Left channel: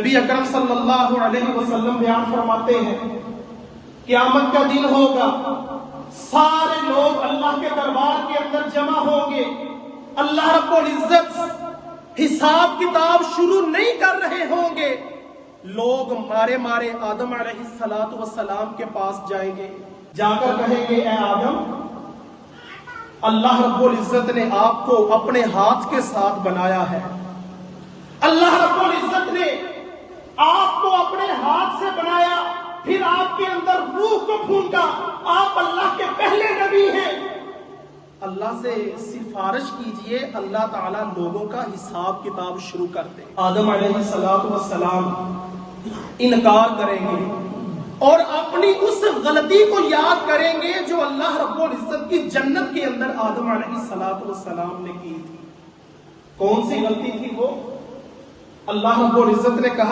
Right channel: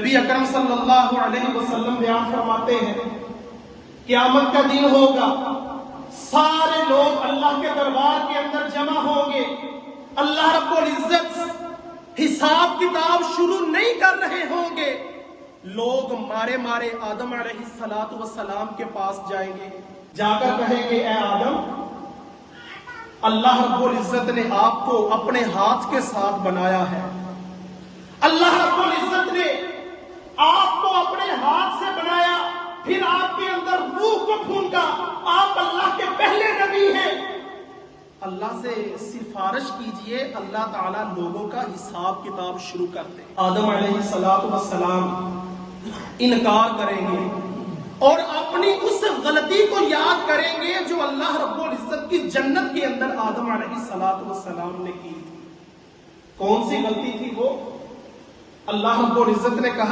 نبی اکرم صلی اللہ علیہ وسلم بیان فرماتے ہیں قیامت کا دن ہوگا، سارے لوگ اللہ کے دربار کے اندر جمع ہوں گے، اللہ رب العزت حساب کتاب شروع نہیں کر رہے ہوں گے، لوگ مارے مارے آدم علیہ السلام کے پاس جائیں گے، جا کر کہیں گے اے آدم، اللہ رب العزت نے آپ کو اپنے ہاتھ کے ساتھ بنایا ہے، اللہ رب العزت نے آپ کو اپنے ہاتھ سے بنایا، پھر آپ کے اندر روح کو پھونکا، آپ اللہ کے پہلے نبی ہیں، اللہ سے سفارش کیجئے اللہ تعالیٰ لوگوں کا حساب کتاب شروع کر دے۔ آدم علیہ السلام انکار کریں گے اور اپنی اس غلطی کو یاد کریں گے جو اللہ رب العزت کی جنت کے اندر آدم علیہ السلام نے کی تھی۔ کون سی غلطی تھی وہ؟ اللہ رب العزت نے کہا